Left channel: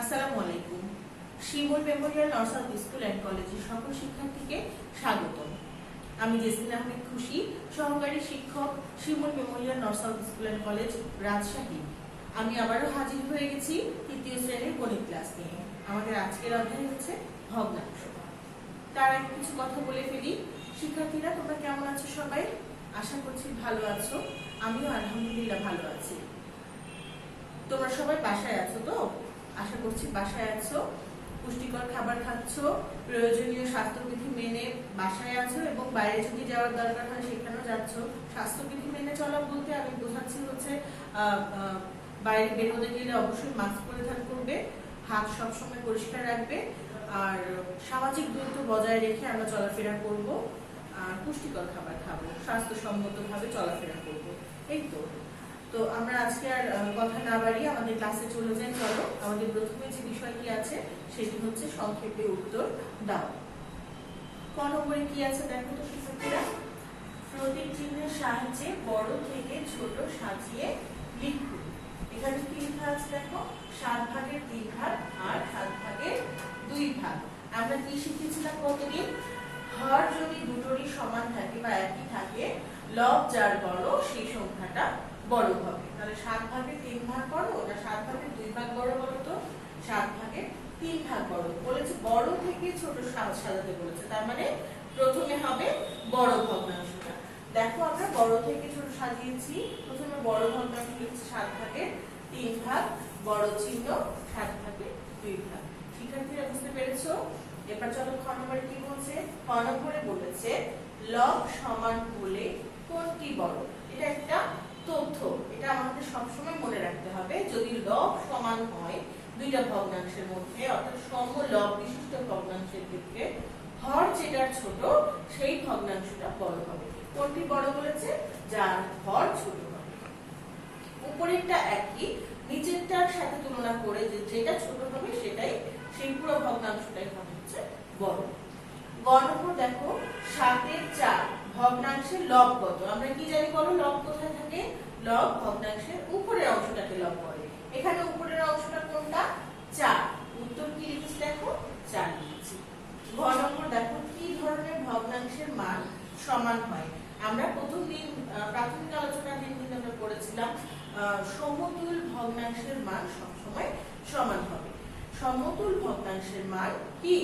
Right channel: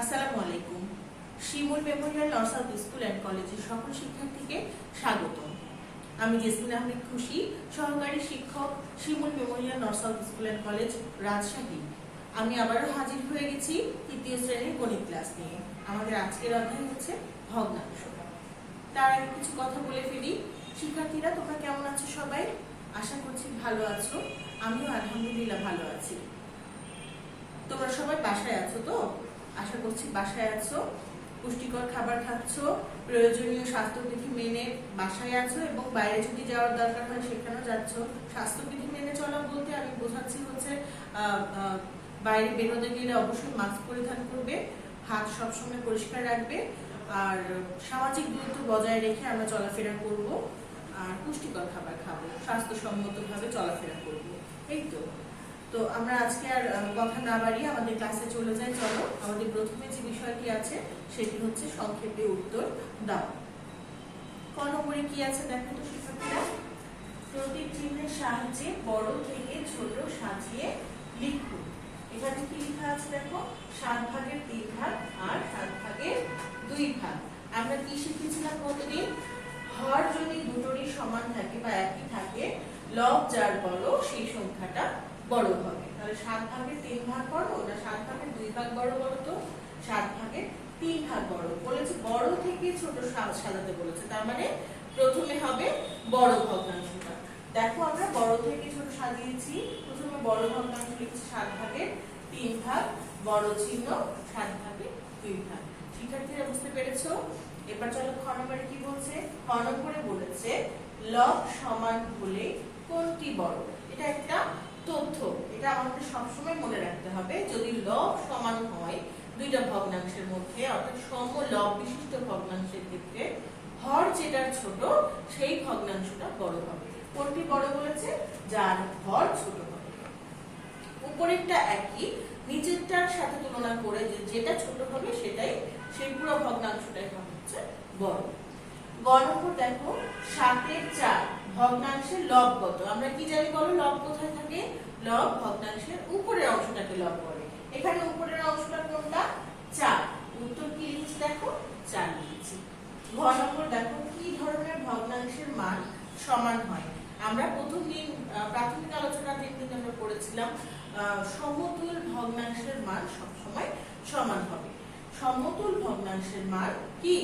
আসসালামু আলাইকুম। শিমুল মেমোরিয়াল নর্সাল স্কুল অ্যান্ড কলেজের সকল শিক্ষার্থীকে স্বাগত। আমি জেসমিন আহমেদ খুশি, সহকারী শিক্ষক, শিমুল মেমোরিয়াল নর্সাল স্কুল অ্যান্ড কলেজ, রাজশাহী। আমি আবারও হাজির হয়ে গেছি তৃতীয় শ্রেণীর গণিত ক্লাস নিয়ে। আমাদের আজকের অধ্যায় হচ্ছে ভগ্নাংশ। তার আগে কিছু কথা বলে ফেলি। শিক্ষার্থীরা, তোমরা কেমন আছো সবাই? আশা করছি ভালো আছো। আমিও আলহামদুলিল্লাহ ভালো আছি। তোমরা সবাই বাসায় আছো তো? আশা করছি বাসায় আছো, পুষ্টিকর খাবার খাচ্ছ, প্রয়োজনীয় স্বাস্থ্যবিধি মেনে বাসায় আছো, এবং বাইরে যদি যাওয়ার দরকার হয় সেখানেও যাচ্ছ। স্বাস্থ্যবিধি মেনে চলা বলতে আমি বোঝাচ্ছি হচ্ছে বাইরে বেরোতে গেলে অবশ্যই মাস্ক পরিধান করবে, হাত সবসময় পরিষ্কার রাখবে, আর সামাজিক দূরত্ব বজায় রেখে আমরা চলাফেরা করব, আর পুষ্টিকর খাবার খাবো, স্বাস্থ্যসম্মতভাবে চলাফেরা করব। এই তো আমরা আজকে আর কথা না বাড়িয়ে আমাদের ক্লাসে চলে যাই। চলো, আমাদের প্রথমে যে বিষয়টি আছে সেটি হচ্ছে সংক্ষেপে উত্তর দাও। ক নম্বরে কি আছে দেখো তো শিক্ষার্থীরা। প্রতীক চিহ্নের সাহায্যে বড় থেকে ছোট সাজিয়ে লিখুন। এখানে কি লেখা আছে দেখো, 7 ভাগের 3 ভাগ আর 7 ভাগের 2 ভাগ। আমরা কি শিখেছিলাম প্রতিদিন? হর যদি দুটোরই সমান থাকে বা একই থাকে, লব যার বড় সেই সংখ্যাটা বড় হবে। তাহলে 7 ভাগের 3 ভাগ বড় না 7 ভাগের 2 ভাগ বড় বলো তো? 7 ভাগের 3 ভাগ বড় বলেছে। বড় থেকে ছোট সাজাতে বলেছে, তার মানে প্রথমে হবে বড় ভগ্নাংশটা। দেখো আমরা বড় থেকে ছোট সাজিয়েছি। প্রথমে বড় ভগ্নাংশ লিখছি 7 ভাগের 3 ভাগ, বড় চিহ্ন, 7 ভাগের 2 ভাগ। শিক্ষার্থীরা বুঝতে পেরেছো? এবার চলো খ নম্বরে কি বলছে। খ নম্বরে বলেছে লব সমান হলে কোনটি বড়। এটা একটা তথ্য, এটা আমাদের সবসময় মনে রাখতে হবে। যদি লব সমান হয় দুইটা ভগ্নাংশের মধ্যে, অর্থাৎ সম লব বিশিষ্ট ভগ্নাংশের ক্ষেত্রে হর যেটা ছোট সেই ভগ্নাংশটা বড় হবে। কোনটি বড় বলেছে? যার হর ছোট হবে। উপরেরটা একই, নিচেরটার সাথে তুলনা করে যেটা ছোট হবে সেটাই, সেই পুরো ভগ্নাংশটাই হচ্ছে বড়। গ নম্বর দেখো, 7-এর 4 ভগ্নাংশের লব কত? আমরা কি জানি বলো, লব কোথায় থাকে? লব ভগ্নাংশের উপরের অংশটাকে লব করে। এখানে উপরের অংশটা কোনটা? 4। উত্তর কি লিখেছি দেখো, 4 লিখেছি। ঘ নম্বর দেখো, কি ধরনের ভগ্নাংশের মান সমান হয়? আমরা প্রথম দিন প্রাথমিক আলোচনার দিন আমরা পড়েছিলাম সমতুল ভগ্নাংশের মান সবসময় সমান হবে। সমতুল ভগ্নাংশের মান কি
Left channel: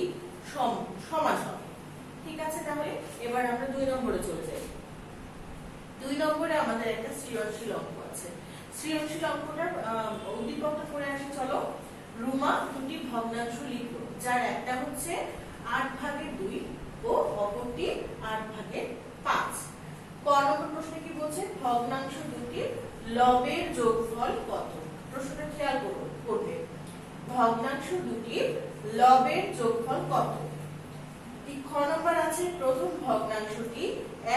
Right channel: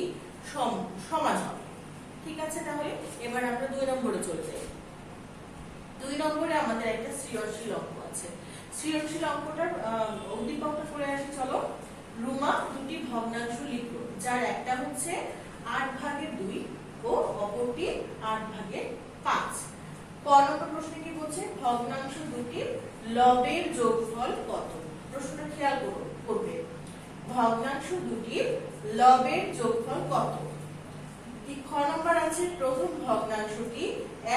সমান হবে। ঠিক আছে, তাহলে এবার আমরা 2 নম্বরে চলে যাই। 2 নম্বরে আমাদের একটা সৃজনশীল অঙ্ক আছে। সৃজনশীল অঙ্কটার উদ্দীপকটা করে আসি চলো। রুমা দুটি ভগ্নাংশ লিখো, যার একটা হচ্ছে 8 ভাগের 2 ও অপরটি 8 ভাগের 5। ক নম্বর প্রশ্নে কি বলছে? ভগ্নাংশ দুটির লবের যোগফল কত? প্রশ্নটা খেয়াল করবে। ভগ্নাংশ দুটির লবের যোগফল কত? খ নম্বর আছে প্রথম ভগ্নাংশটি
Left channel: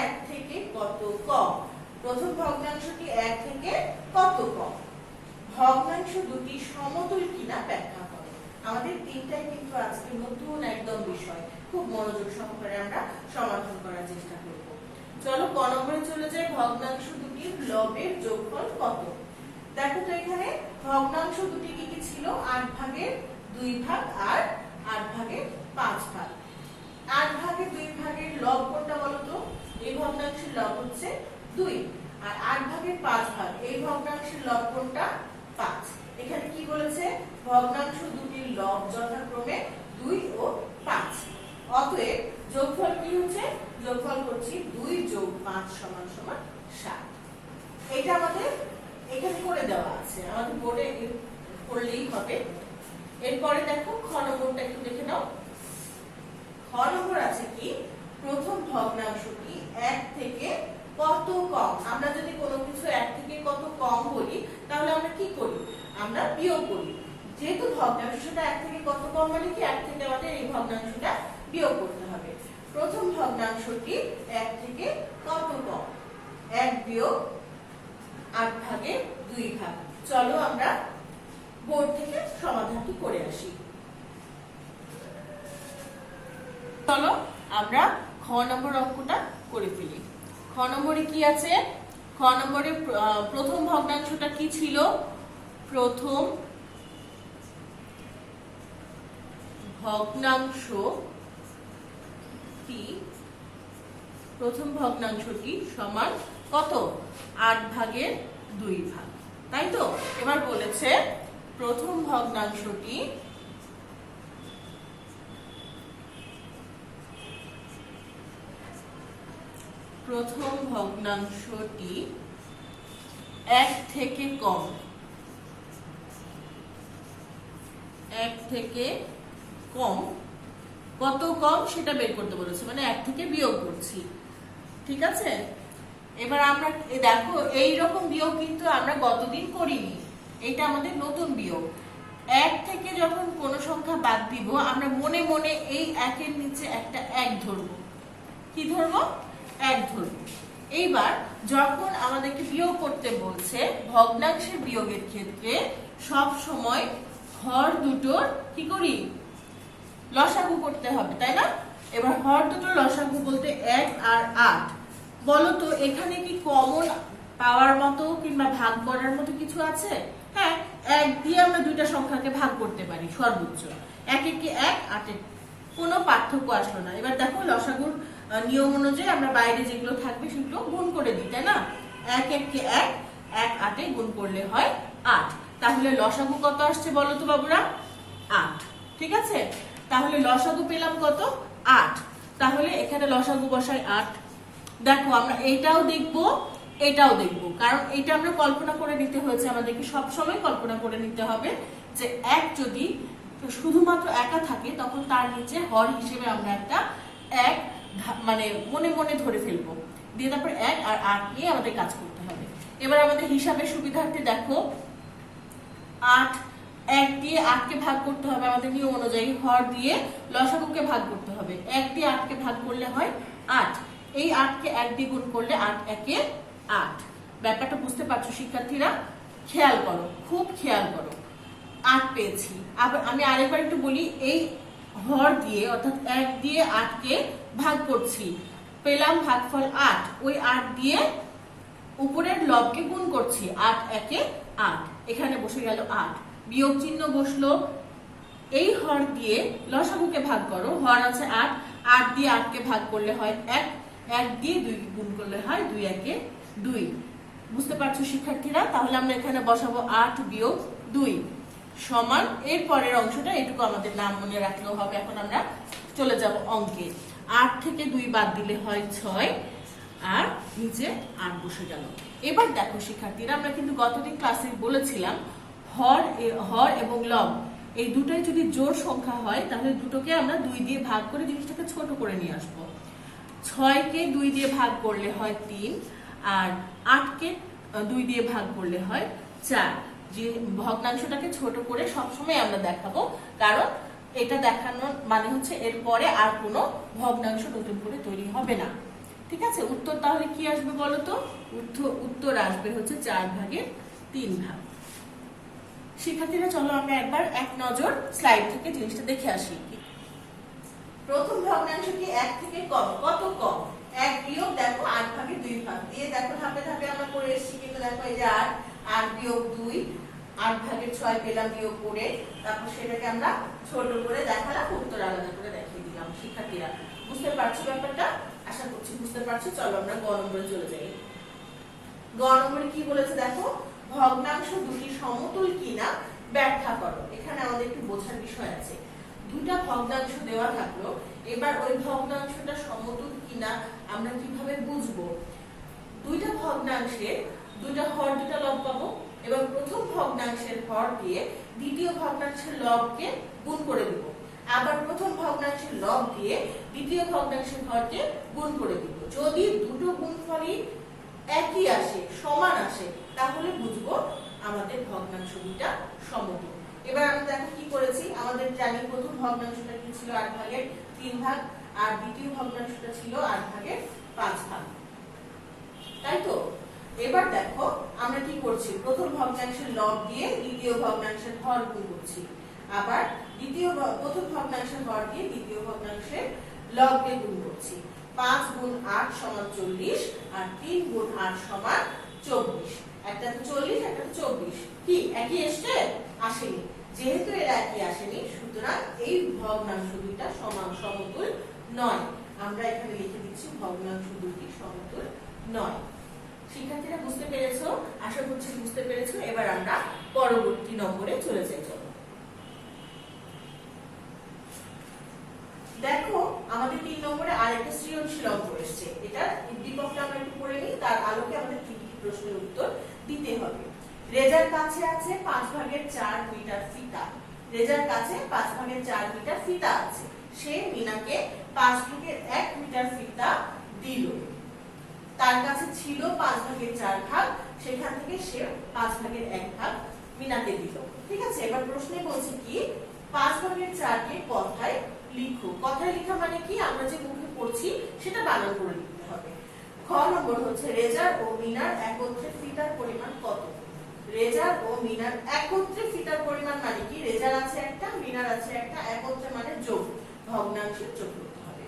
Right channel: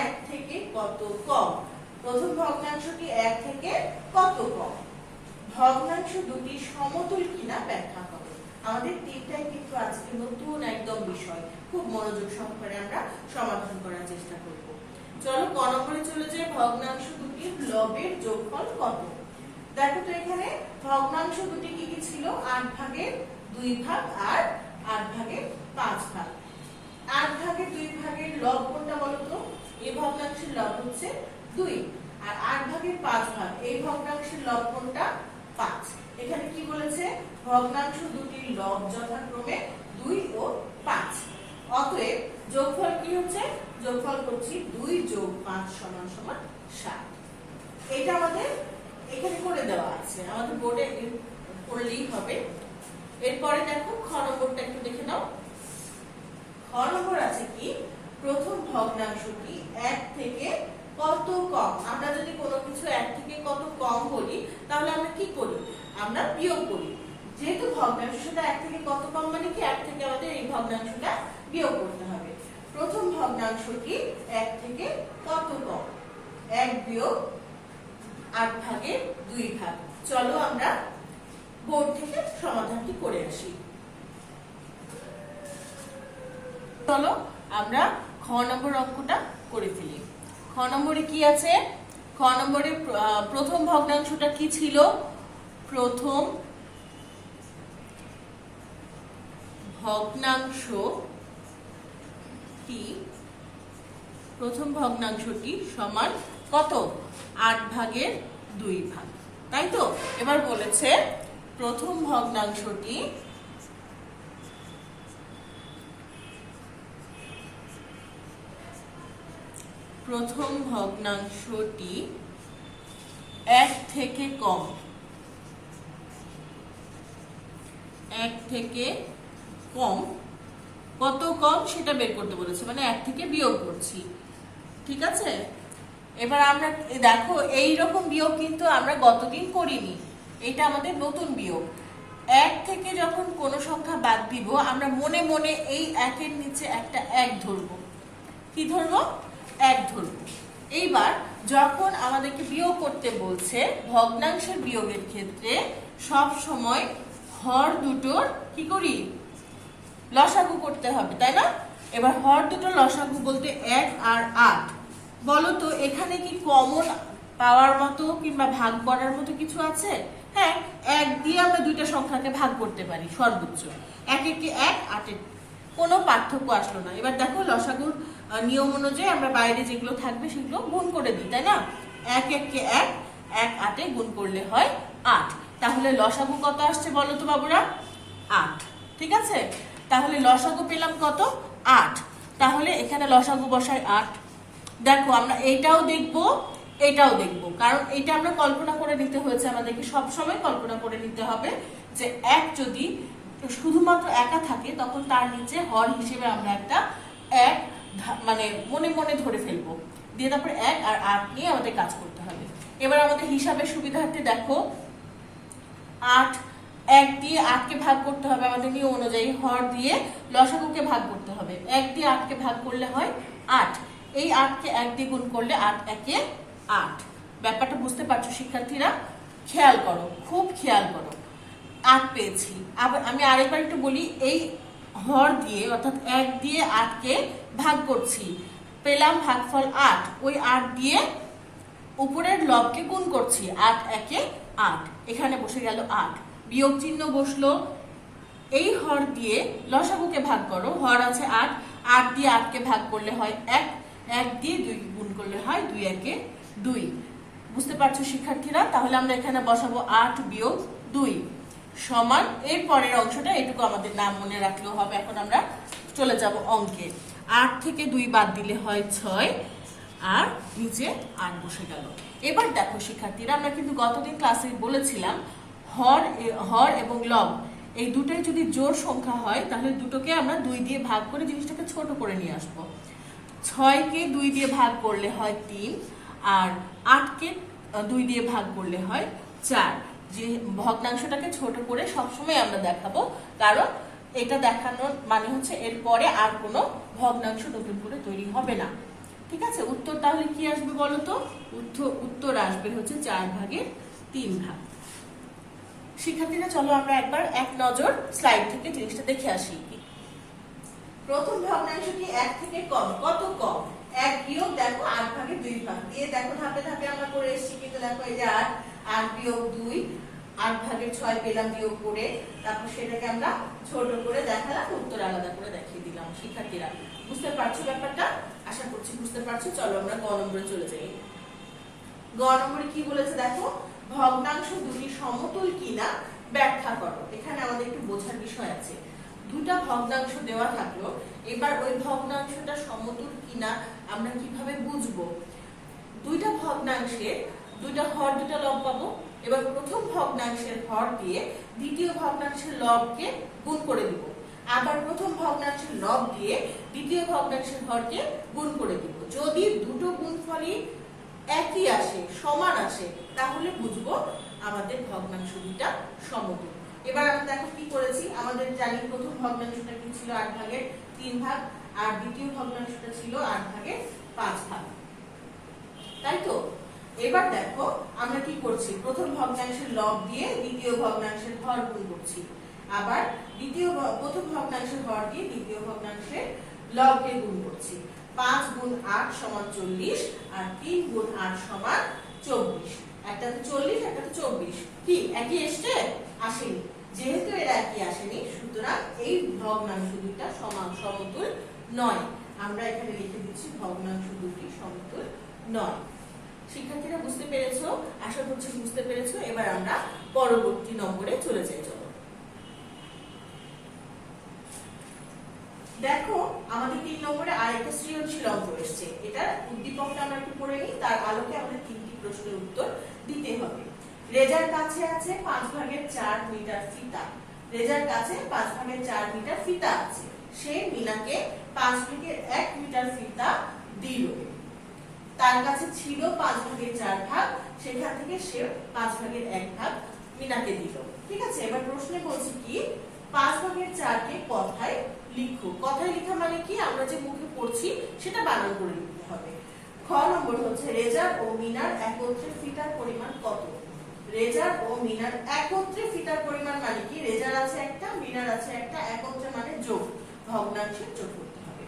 1 থেকে কত কম। প্রথম ভগ্নাংশটি 1 থেকে কত কম। ভগ্নাংশ দুটি সমতুল কিনা ব্যাখ্যা করো। আমাদের তিনটাই কিন্তু আজকে নতুন একদম বিষয়, খুব মনোযোগ সহকারে আমরা সমাধান করার চেষ্টা করব। চলো ক নম্বরে চলে যাই। ভগ্নাংশ দুটির লবের যোগফল কত? দেখো তো এখানে ভগ্নাংশ দুটি কি কি ছিল? 8 ভাগের 2 ভাগ আর 8 ভাগের 5 ভাগ। 8 ভাগের 2 ভাগের লব কোনটা বলো তো? এই ভগ্নাংশের লব হচ্ছে 2, আর 8 ভাগের 5 ভাগ এই ভগ্নাংশের লব কোনটা? 5। এখানে কি বলেছে? ভগ্নাংশ দুটির লব যথাক্রমে 2 ও 5। অতএব যোগফল কি হচ্ছে? যোগফল করছি 2 যোগ 5 সমান সমান 7। এটা আমাদের এখানে করে দেওয়া আছে, আমাদের বোর্ডে করলেই হবে। এরপরে দেখো খ নম্বরটা একটু দেখে নাও। খ নম্বর আছে কি? প্রথম ভগ্নাংশটি 1 থেকে কত কম। আমরা যদি কোনো কিছু 1 থেকে কত কম বলি তাহলে আমরা কি করি? আমরা বিয়োগ করি। যেহেতু ভগ্নাংশটা 1 থেকে কত কম মানে কি 1 থেকে আমাদের এই ভগ্নাংশটা বিয়োগ করতে হবে। প্রথম ভগ্নাংশটি 1 থেকে কত কম? 1 বিয়োগ 8 ভাগের 2 ভাগ। চলো আমরা বোর্ড থেকে সমাধানটি করে আসি। চলো আমরা খ নম্বর অঙ্কটা করে ফেলি। খ নম্বরে কি আছে? খ নম্বরে প্রথম ভগ্নাংশটা কি ছিল? প্রথম ভগ্নাংশটি প্রথম ভগ্নাংশটি সমান কত 8/2 তাই তো এবার বলেছে প্রথম ভগ্নাংশটি এক থেকে কম কত কম সেটা বের করতে বলেছে মানে 1 থেকে বিয়োগ করছি ঠিক আছে এবার আমরা দেখো এই রকম বিয়োগ কিন্তু আমরা গতদিন করিনি এটা আমাদের নতুন বিয়োগ 1 থেকে যখন কোন সংখ্যা বাদ দিব আমরা মনে মনে এই 1 এর নিচে একটা 1 ধরব কি ধরব 1 ধরব এইবার যখন আমাদেরকে বিয়োগ করতে বলছে ভগ্নাংশের বিয়োগের ক্ষেত্রে সব সময় হর দুটোর কি করি লসাগু করতে হবে তাই না এবার হর দুটোর লসাগু বলতে 1 আর 8 বলো তো এখানে কি কমন পাওয়ার মতো কিংবা ভাগ করার মতো কিছু আছে হ্যাঁ 1 দিয়ে আমরা দুইটা সংখ্যাকে ভাগ করতে পারি সর্বোচ্চ 1 একে 1 8 এর কোনো পার্থক্য আসলো না এবার দেখো লসাগুর নিয়ম অনুযায়ী আমরা বাইরে যেগুলো থাকবে সেগুলো গুণ করে দিই তাই না 1 1 1 1 8 এ গুণ করলে হয় 8 তাহলে লসাগু কত আসছে বলো তো বাবুরা 8 ঠিক আছে তাহলে লসাগু পেলাম কত 8 তাহলে এখানে লসাগু বসাই 8 দেখো আমরা এটাও দেখবো কারণ এটা আমরা কল্পনা করে নিতে হয়েছে আমাদেরকে সব সময় কল্পনা করে নিতে হবে যে 1 যদি শুধুমাত্র একা থাকে তখন তার নিচে হর হিসেবে আমরা একটা 1 মানে মনে মনে ধরে ফেলবো দিয়ে তারপর 1 আর 8 নিয়ে আমাদের কাজ করতে হবে এবার আমাদের হিসাবের সুবিধার্থে দেখো 8 1 দিয়ে 8 কে ভাগ করতে হবে আমাদের নিয়ম অনুযায়ী হর দিয়ে লসাগুকে ভাগ করতে হবে 1 দিয়ে 8 কে ভাগ করলে হয় 8 এই 8 কে 1 দিয়ে গুণ করলে 8 একে 8 ব্যাপারটা বুঝতে পারছো শিক্ষার্থীরা খেয়াল করো খুব খেয়াল করো 8 পেয়েছি আবার আমি আরেকবার একটু বলি এই হর দিয়ে অর্থাৎ 1 দিয়ে 8 কে ভাগ করছি পেলাম ভাগফল 8 ওই 8 দিয়ে উপরের লবকে গুণ করছি 8 একে 8 এখানে বসে গেল 8 বিয়োগ চিহ্ন বসলো এই হর দিয়ে লসাগুকে ভাগ করো হর আছে 8 8 দিয়ে 8 কে ভাগ করলে হয় 1 1 দিয়ে 2 গুণ করলে হয় 2 একে 2 বুঝতে পারছো শিক্ষার্থীরা তাহলে আমরা এখানে বসাবো 8 বিয়োগ 2 সমান এর পরের অংশটা এটুকু আমাদের নাম মনে রাখলেও হবে এখন আমরা চলে যাব অঙ্কে 8 থেকে 2 বাদ দিলে হয় 6 আর নিচে 8 বসে গেল এবার দেখো শিক্ষার্থীরা আমরা কিন্তু গতদিন ক্লাসে বলেছিলাম হর এবং লব এই দুটাই যদি জোড় সংখ্যা হয় তাহলে দুটোকে আমরা 2 দিয়ে ভাগ করে জিনিসটাকে ছোট করে নিয়ে আসবো 6 কে 2 দিয়ে ভাগ করলে হয় 3 আর 8 কে 2 দিয়ে ভাগ করলে হয় 4 যে ভগ্নাংশটাকে ছোট করে সবসময় আমরা দেখাবো কারণ এটা দেখানোর মানে হচ্ছে এরপরে আর কোনো ভগ্নাংশ নতুন করে তৈরি হবে না ঠিক আছে উত্তর তাহলে কি আসবে বলো তো উত্তর আসবে হচ্ছে 4/3 শিক্ষার্থীরা চলো আমরা একবার এক নজর স্লাইড থেকে জিনিসটা দেখে আসি প্রথম ভগ্নাংশটি 1 থেকে কম কত কম 1 বিয়োগ দেখো 8/2 দিয়ে দেখো ধাপে ধাপে আমরা করে এসেছি কিন্তু দেখো এই যে 8 বিয়োগ 2 8/6 পেলাম বিয়োগ করে তারপর সেটাকে আমরা ছোট করে দেখালাম উত্তর আলাদা করে দেখিয়ে দিলাম শিক্ষার্থীরা বুঝতে পারছো ব্যাপারটা আশা করছি বুঝতে পারছো চলো আমরা গ নম্বরে চলে যাই গ নম্বরে কি বলেছে দেখো ভগ্নাংশ দুটি সমতুল কিনা ব্যাখ্যা করো এখানে আমাদের একটু বোঝার বিষয় আছে দুটা ভগ্নাংশ দেওয়া থাকলো এবার ওই ভগ্নাংশটা সমতুল কিনা আমরা কিভাবে বুঝবো দুইটা ভগ্নাংশের দুইটা হর দুটা লব পাবো এবার প্রথম ভগ্নাংশের হর দিয়ে দ্বিতীয় ভগ্নাংশের লবকে গুণ করে দিব আবার প্রথম ভগ্নাংশের লব দিয়ে দ্বিতীয় ভগ্নাংশের হরকে গুণ করে দিব যদি দুটো গুণফলই একই আসে সমান আসে তাহলে বুঝবো আমাদের ভগ্নাংশ দুটা সমতুল এবার আমরা দেখো কি করেছি আমাদের জানি প্রথম ভগ্নাংশটা কি ছিল 8/3 আর দ্বিতীয় ভগ্নাংশটা ছিল 8/5 তাই তো এবার দেখো আমরা কি করছি প্রথম ভগ্নাংশের লব দিয়ে দ্বিতীয় ভগ্নাংশের হর গুণ করছি আবার প্রথম ভগ্নাংশের হর দিয়ে দ্বিতীয় ভগ্নাংশের লবকে গুণ করছি 5 গুণ 8 সমান 40 আর 3 গুণ 8 সমান 24 একটা 40 একটা 24 কি একই এসছে আসেনি যেহেতু এরা একই আসেনি সুতরাং সুতরাং এই ভগ্নাংশ দুইটা সমতুল নয়। আমরা এখানে লিখে দিচ্ছি ভগ্নাংশ দুটি সমতুল নয়। শিক্ষার্থীরা বুঝতে পেরেছো? আশা করছি বুঝতে পেরেছো। এবার আমরা পরবর্তী নম্বরে চলে যাই। চলো দেখো, আমাদের 3 নম্বরে আরেকটা সৃজনশীল অঙ্ক এসেছে। এটা উদ্দীপকটা আমরা একটু পড়ে নিই, তার আলোকে আমাদের 3টি প্রশ্নের উত্তর দিতে হবে। রেজার কাছে আছে 5/4 মিটার ফিতা। রেজার কাছে 5/4 মিটার ফিতা আছে। সে মিনাকে 5/1 মিটার ফিতা দিল। তার কাছে ছিল 5/4 ভাগ, সেখান থেকে সে 5/1 ভাগ মিনাকে দিল। ঠিক আছে, এবার প্রশ্নে বলছে কি 5/4 কে কথায় লিখো। কথায় লেখা মানে কি, আমরা যে মুখে পড়ছি সেটা বানান করে লিখতে হবে। খ নম্বর হচ্ছে রেজার ও মিনার একত্রে ফিতার পরিমাণ কত। রেজার ও মিনার একত্রে ফিতার পরিমাণ মানে কি, রেজার আছে একটা, মিনার আছে একটা, একত্রে মানে যোগ, ভগ্নাংশে যোগ করতে হবে।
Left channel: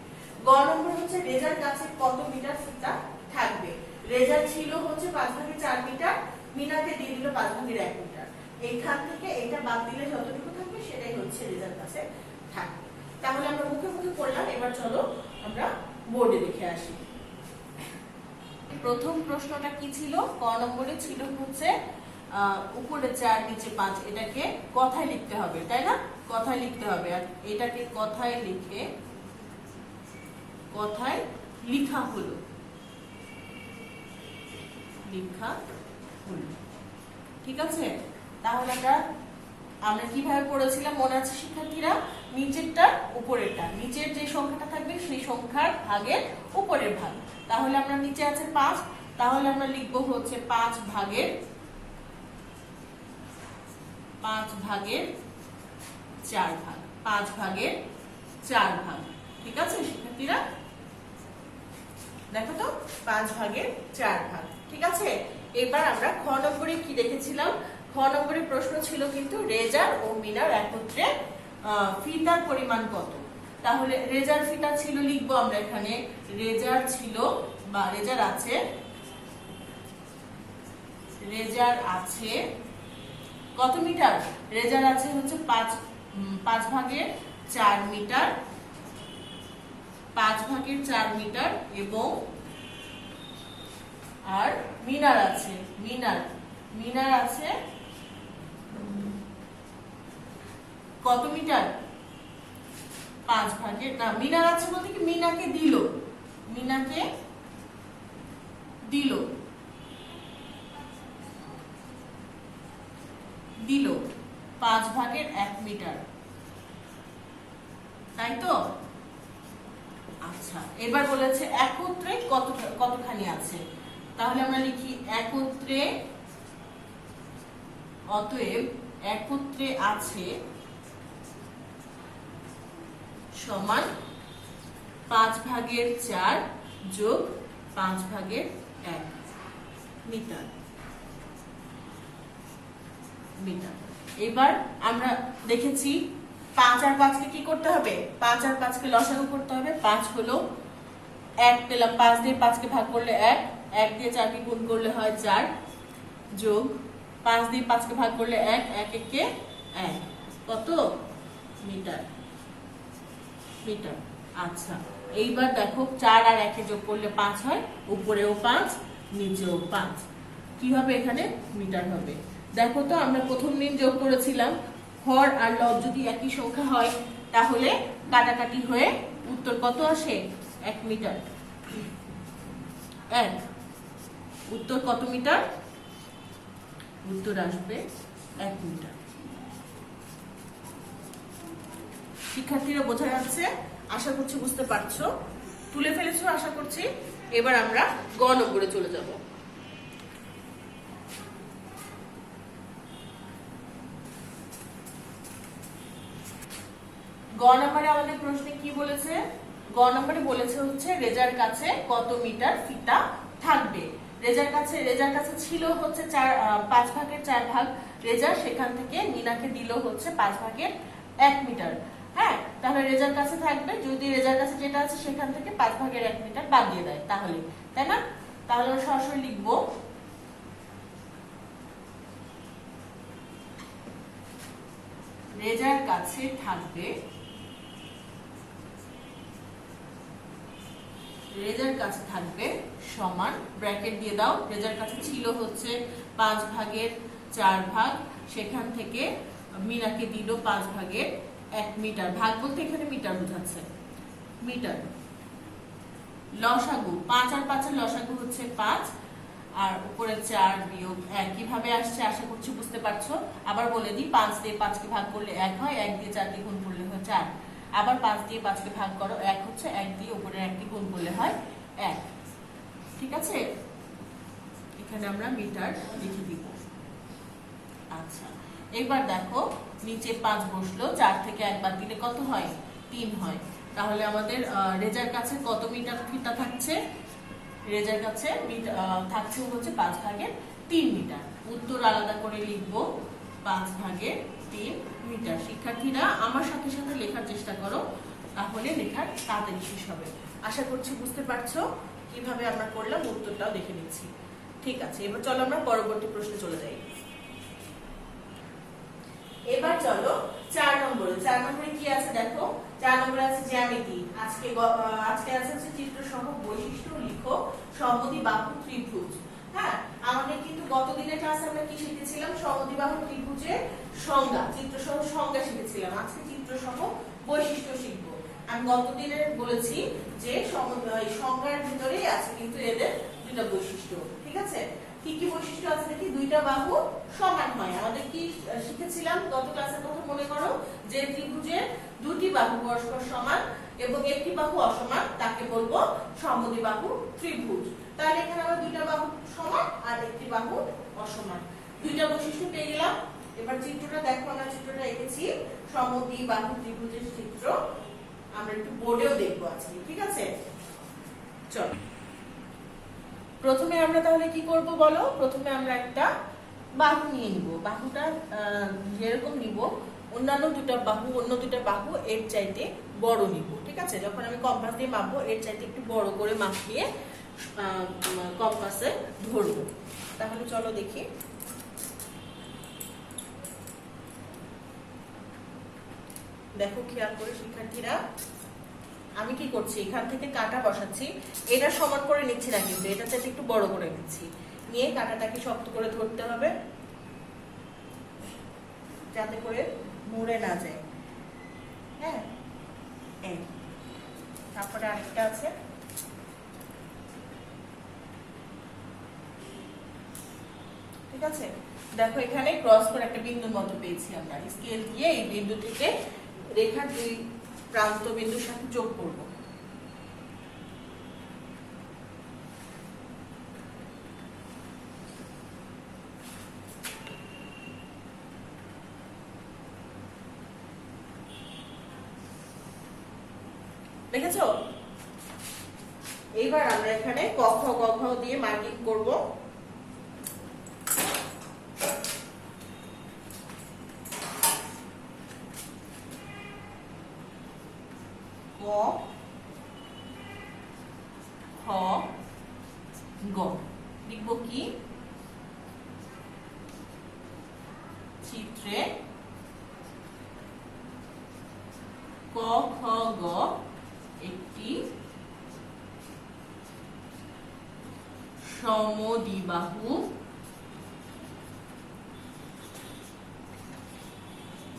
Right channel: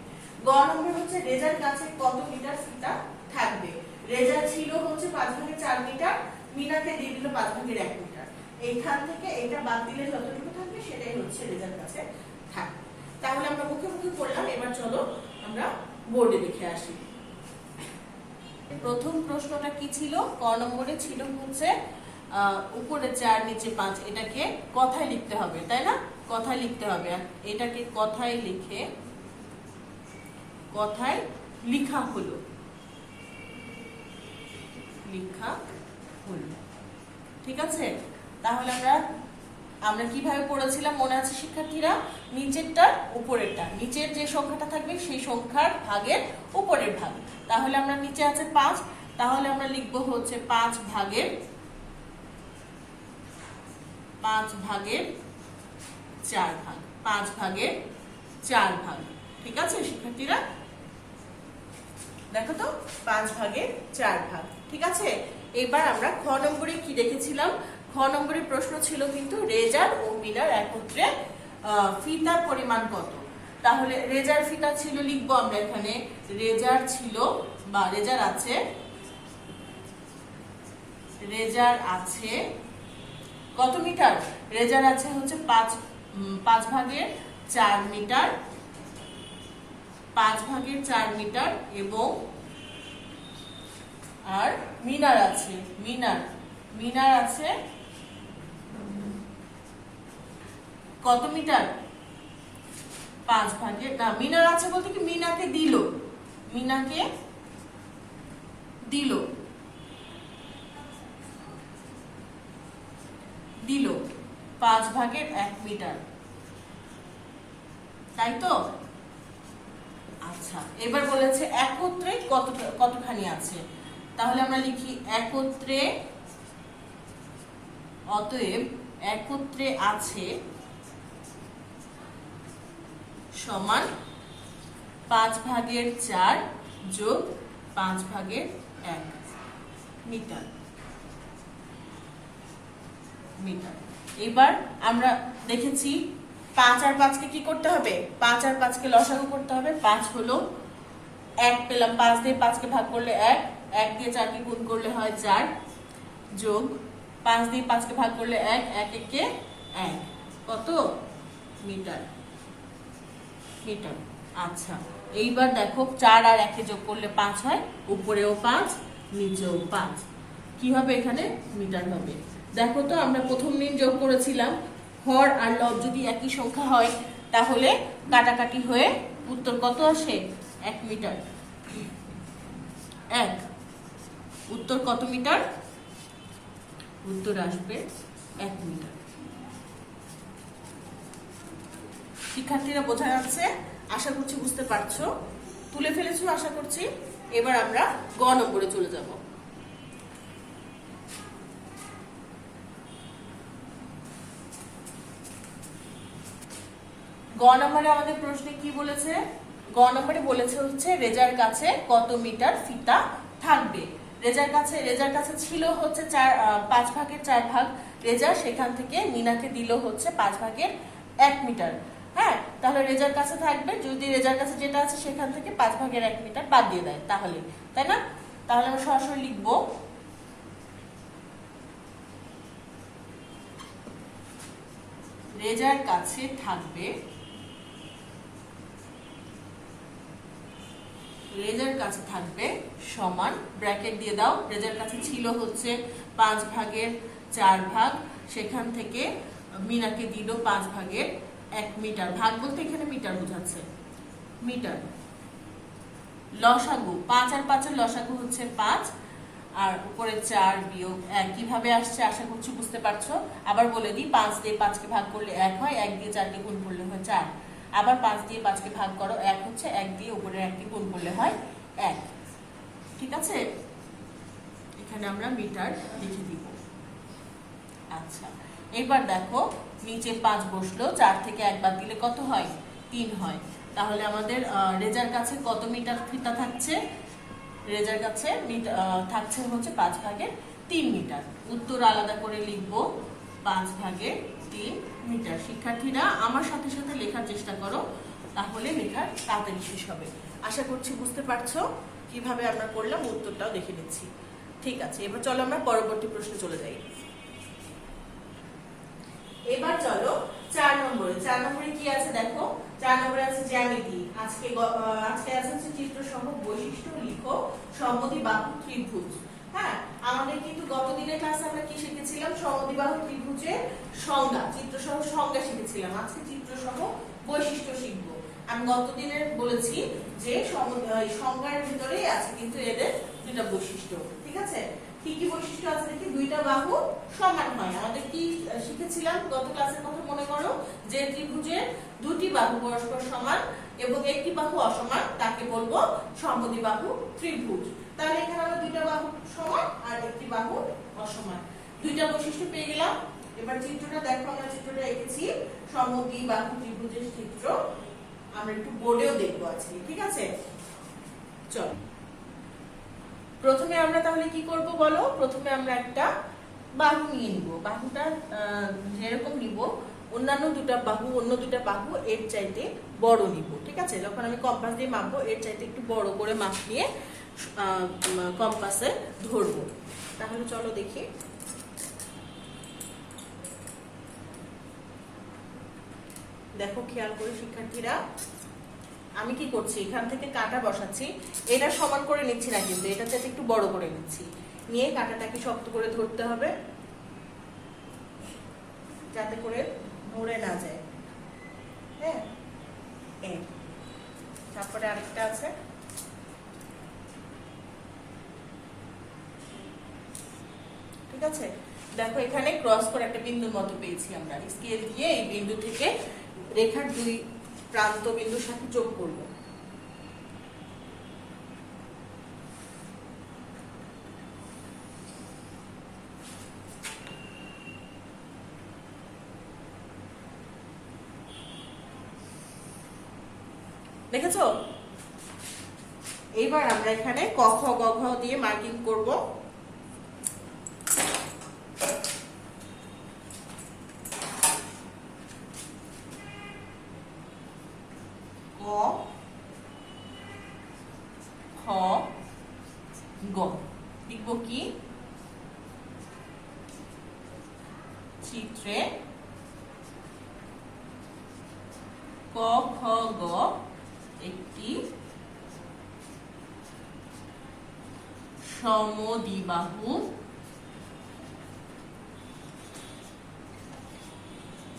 গ নম্বর হচ্ছে রেজার কাছে কত মিটার ফিতা থাকবে। রেজার ছিল হচ্ছে 5/4 মিটার, মিনাকে দিয়ে দিল 5/1 মিটার। এইখান থেকে এটা বাদ দিলে যতটুকু থাকবে সেটাই হচ্ছে রেজার কাছে থাকবে। তাহলে আমরা মুখে মুখে পড়লাম। এবার চলো আমরা বোর্ডে দেখে আসি। প্রথম প্রশ্নটা কি ছিল? ক নম্বরে ছিল হচ্ছে উপরে 4 নিচে 5, এটাকে কথায় লিখতে হবে, তাই না? কথায় লিখতে হবে। এটাকে কথায় লিখে কথায় লিখা হলো, ঠিক আছে। তাহলে আমরা কিভাবে পড়েছিলাম মনে আছে শিক্ষার্থীরা? নিচেরটা উপরেরটা, নিচের যে সংখ্যাটা থাকবে সেই সংখ্যার ভাগের উপরের ভাগ। তাহলে আমরা নিচে আছে 5, তাহলে আমরা লিখব হচ্ছে 5/4 ভাগ, 5/4 ভাগ। ঠিক আছে শিক্ষার্থীরা, দেখো তো 5/4 ভাগ। ঠিক আছে, এবার আমরা খ নম্বরে কি দেখেছিলাম? খ নম্বরের প্রশ্ন ছিল কিন্তু রেজার ও মিনার একত্রে ফিতার পরিমাণ কত। তাহলে রেজার ফিতা ছিল, লিখবো আমরা এখানে রেজার ছিল বা রেজার আছে কত মিটার? রেজার আছে হচ্ছে 5/4 মিটার, 5/4 মিটার। এবং আর মিনার আছে কত মিটার? 5/4 না, মিনার আছে বলতে কি মিনাকে দিল 5/1 মিটার, তাই তো? আচ্ছা, এবার বলেছে একত্রে কতখানি আছে। তাহলে আমরা লিখি একত্রে, অতএব একত্রে আছে সমান 5/4 যোগ 5/1 মিটার। এবার আমরা দেখেছি 5 আর 5 কে কি করতে হবে? 5 আর 5 কে লসাগু করতে হবে। 5 হলো 1 পেলাম, 5 দিয়ে 5 কে ভাগ করলে 1, 1 দিয়ে 4 কে গুণ করলে হয় 4, যোগ 5 দিয়ে 5 কে ভাগ করলে 1, 1 একে 1, কত? মিটার। আচ্ছা, এইবার দেখো 4 আর 1 যোগ করলে 5 হয়, উপরেও 5 নিচেও 5, কি হবে? এখানে মিটার হবে। দেখো তো, আমরা প্রথম দিন যোগ করেছিলাম হর আর লব যদি একই সংখ্যা হয় তাহলে কাটাকাটি হয়ে উত্তর কত আসে? 1 মিটার। উত্তর কত মিটার? উত্তর আসবে 1 মিটার। শিক্ষার্থীরা বোঝা যাচ্ছে? আশা করছি বুঝতে পারছো, তুলে ফেলেছো আশা করছি। এবার আমরা গ নম্বরে চলে যাব। গ নম্বরে আমাদের প্রশ্নে কি বলেছে? গ নম্বরে বলেছে হচ্ছে রেজার কাছে কত মিটার ফিতা থাকবে। রেজার কাছে ছিল হচ্ছে 5/4 ভাগ রেজার, সেখান থেকে মিনাকে দিল হচ্ছে 5/1 মিটার। হ্যাঁ, তাহলে রেজার কাছে থাকবে, যদি রেজার কাছে যেটা আছে সেখান থেকে 5/1 মিটার বাদ দিয়ে দেয় তাহলে, তাই না? তাহলে আমরা সরাসরি লিখবো রেজার কাছে থাকবে, রেজার কাছে থাকবে সমান, ব্র্যাকেট দিয়ে দাও, রেজার কাছে ছিল হচ্ছে 5 ভাগের 4 ভাগ, সেখান থেকে মিনাকে দিল 5 ভাগের 1 মিটার, ভাগ বলতে এখানে মিটার বোঝাচ্ছে, মিটার। লসাগু 5 আর 5 এর লসাগু হচ্ছে 5, আর উপরে 4 বিয়োগ 1 কিভাবে আসছে আশা করছি বুঝতে পারছো। আবার বলে দিই, 5 দিয়ে 5 কে ভাগ করলে 1 হয়, 1 দিয়ে 4 কে গুণ করলে হয় 4, আবার 5 দিয়ে 5 কে ভাগ করো 1 হচ্ছে, 1 দিয়ে উপরে 1 কে গুণ করলে হয় 1। ঠিক আছে, এখানে আমরা মিটার লিখে দিব। আচ্ছা, এবার দেখো নিচে 5 বসলো, 4 থেকে 1 বাদ দিলে কত হয়? 3 হয়। তাহলে আমাদের রেজার কাছে কত মিটার ফিতা থাকছে? রেজার কাছে থাকছে হচ্ছে 5 ভাগের 3 মিটার। উত্তর আলাদা করে লিখবো 5 ভাগের 3 মিটার। শিক্ষার্থীরা আমার সাথে সাথে লেখার চেষ্টা করো, তাহলে লেখার তাড়াতাড়ি শেষ হবে। আশা করছি বুঝতে পারছো কিভাবে আমরা করলাম, উত্তরটাও দেখে নিচ্ছি। ঠিক আছে, এবার চলো আমরা পরবর্তী প্রশ্নে চলে যাই। এবার চলো 4 নম্বরে কি আছে দেখো। 4 নম্বরে আছে জ্যামিতি। আজকে আছে হচ্ছে চিত্র সহ বৈশিষ্ট্য লিখো সমদ্বিবাহু ত্রিভুজ। হ্যাঁ, আমাদের কিন্তু গত দিনের ক্লাসে আমরা কি শিখেছিলাম? সমদ্বিবাহু ত্রিভুজের সংজ্ঞা, চিত্র সহ সংজ্ঞা শিখেছিলাম। আজকে চিত্র সহ বৈশিষ্ট্য শিখবো। আমি গত দিনের বলেছি যে সংজ্ঞার ভিতরেই আছে কিন্তু এদের দুটো বৈশিষ্ট্য। ঠিক আছে, কি কি বৈশিষ্ট্য আছে দেখি। দুইটা বাহু সমান হয়। আমাদের কি শিখেছিলাম গত ক্লাসের কথা মনে করো, যে ত্রিভুজের দুটি বাহু পরস্পর সমান এবং একটি বাহু অসমান তাকে বলবো সমদ্বিবাহু ত্রিভুজ। তাহলে এখানে আমরা দুইটা বাহু সমান আর একটি বাহু অসমান, দুইটা বৈশিষ্ট্য পেয়ে গেলাম। এবার চিত্রটা দেখো, আমরা চিত্রটা এঁকেছি সমদ্বিবাহু ত্রিভুজের চিত্র। আমরা একটু বোর্ডেও দেখবো আজকে। ঠিক আছে, চল প্রথমে আমরা তাহলে কি করব বলো। প্রথমে আমরা একটা বাহু নিয়ে নিব। বাহুটা যেরকম নিব, অন্য দুটা বাহু এর চাইতে বড় নিব। ঠিক আছে, যখন আমি কম্পাস দিয়ে মাপবো এর চাইতে একটু বড় করে মাপিয়ে কম্পাসে ধরবো। তাহলে চলো দেখি। দেখো খেয়াল করে শিক্ষার্থীরা, আমি কি করছি, এখান থেকে কাঁটা বসাচ্ছি। এটা সমান করে নিচ্ছি না, কিন্তু এটা চাইতে একটু বড় করে নিচ্ছি। নিয়ে কাঁটাটাকে শক্ত করে ধরতে হবে যাতে করে মুড়ে না যায়। হ্যাঁ, তারপরে আরেকটা আছে। ঠিক আছে, দেখো এখানে ক্রস করে একটা বিন্দুর মতো পেয়েছি আমরা। স্কেল দিয়ে এই বিন্দু থেকে রেখার দুই প্রান্ত বিন্দুর সাথে যোগ করব। দেখেছো? এইবার আমরা এখানে ক খ গ ঘ দিয়ে মার্কিং করব। ক খ গ লিখব কি? চিত্রে ক খ গ একটি সমদ্বিবাহু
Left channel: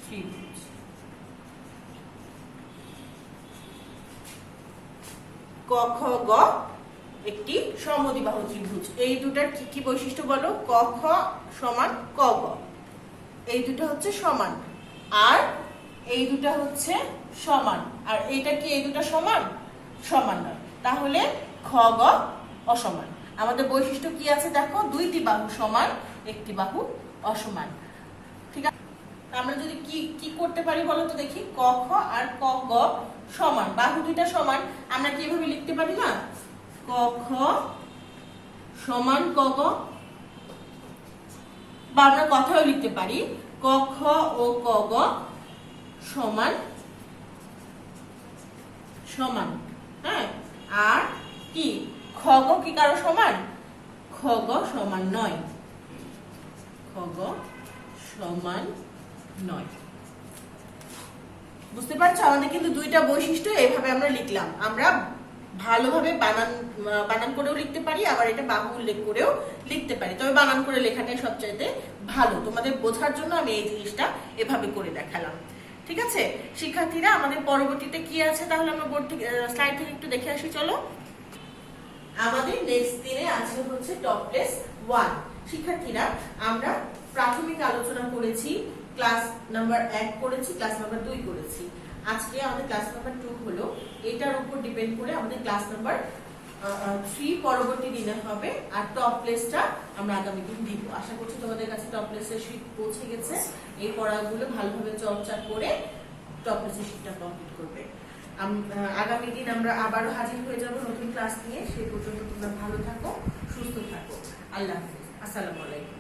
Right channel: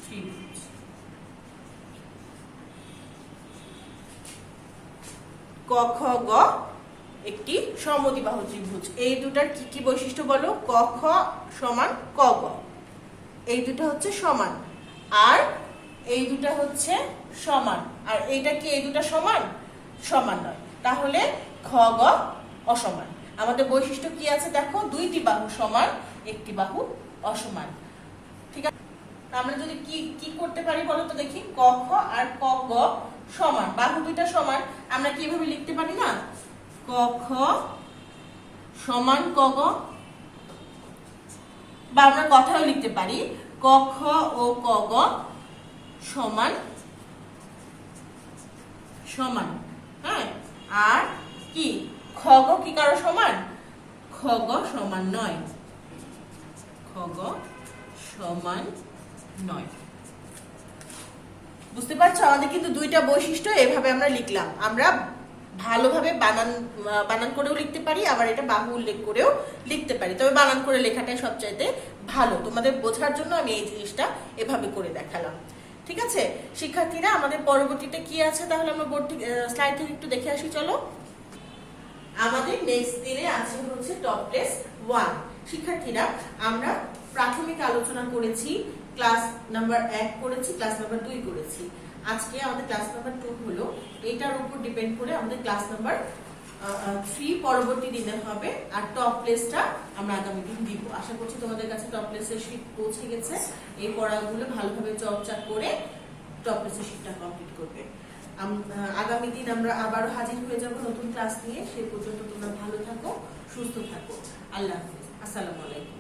ত্রিভুজ। ক খ গ একটি সমদ্বিবাহু ত্রিভুজ। এই দুটার কি কি বৈশিষ্ট্য বলো? ক খ সমান ক গ, এই দুটো হচ্ছে সমান, আর এই দুটা হচ্ছে সমান, আর এইটা কি এই দুটা সমান? সমান নয়। তাহলে খ গ অসমান। আমাদের বৈশিষ্ট্য কি আছে দেখো, দুইটি বাহু সমান, একটি বাহু অসমান। ঠিক আছে, আমরা যদি কি কি করতে পারি বলো তো দেখি। ক খ আর ক গ সমান, বাহু দুইটা সমান, আমরা কি এভাবে লিখতে পারি না? ক খ সমান ক গ, বা আমরা কথাও লিখতে পারি ক খ ও ক গ সমান সমান। হ্যাঁ, আর কি খ গ কি কারো সমান? খ গ সমান নয়, খ গ সমান নয়। বুঝতে পারছো, আমাদের কিন্তু দুইটা বৈশিষ্ট্য এভাবে আমরা লিখলাম। আমরা ভালোভাবে বানান করেও লিখতে পারি, আবার এটা বাহু উল্লেখ করেও লিখতে পারি, তবে বানান করে লেখাটাই সবচাইতে ভালো। তোমাদের বোঝার জন্য আমি এই জিনিসটা এভাবে করে দেখালাম। ঠিক আছে শিক্ষার্থীরা, আমাদের পরবর্তীতে কি আছে তাহলে আমরা বোর্ড থেকে স্লাইড থেকে একটু দেখে আসি। চলো, আমাদের নেক্সট দিনে আছে হচ্ছে টপলেস 1। শিক্ষার্থীরা, আমরা প্রাথমিক আলোচনা করেছি, ক্লাস নাম্বার 1 করেছি, ক্লাস নাম্বার 2 করেছি। আজকে আমাদের ক্লাস নাম্বার 2 হলো। এটার উপর ডিপেন্ড করে আমাদের ক্লাস নাম্বার 3 পরবর্তী দিনে হবে, আর টপলেসটা আমরা আগামী দিন দিব। আশা করছি তোমাদের কাছে টপলেসের শীট পৌঁছে গেছে। এই পড়াগুলো ভালোভাবে চর্চা করে টপলেসের শীটটা কমপ্লিট করবে। আগামী দিন আমরা আবারও হাজির হয়ে যাব নতুন ক্লাস নিয়ে। সেই পর্যন্ত তোমরা ভালো থাকো, সুস্থ থাকো। আল্লাহ হাফেজ, আসসালামু আলাইকুম।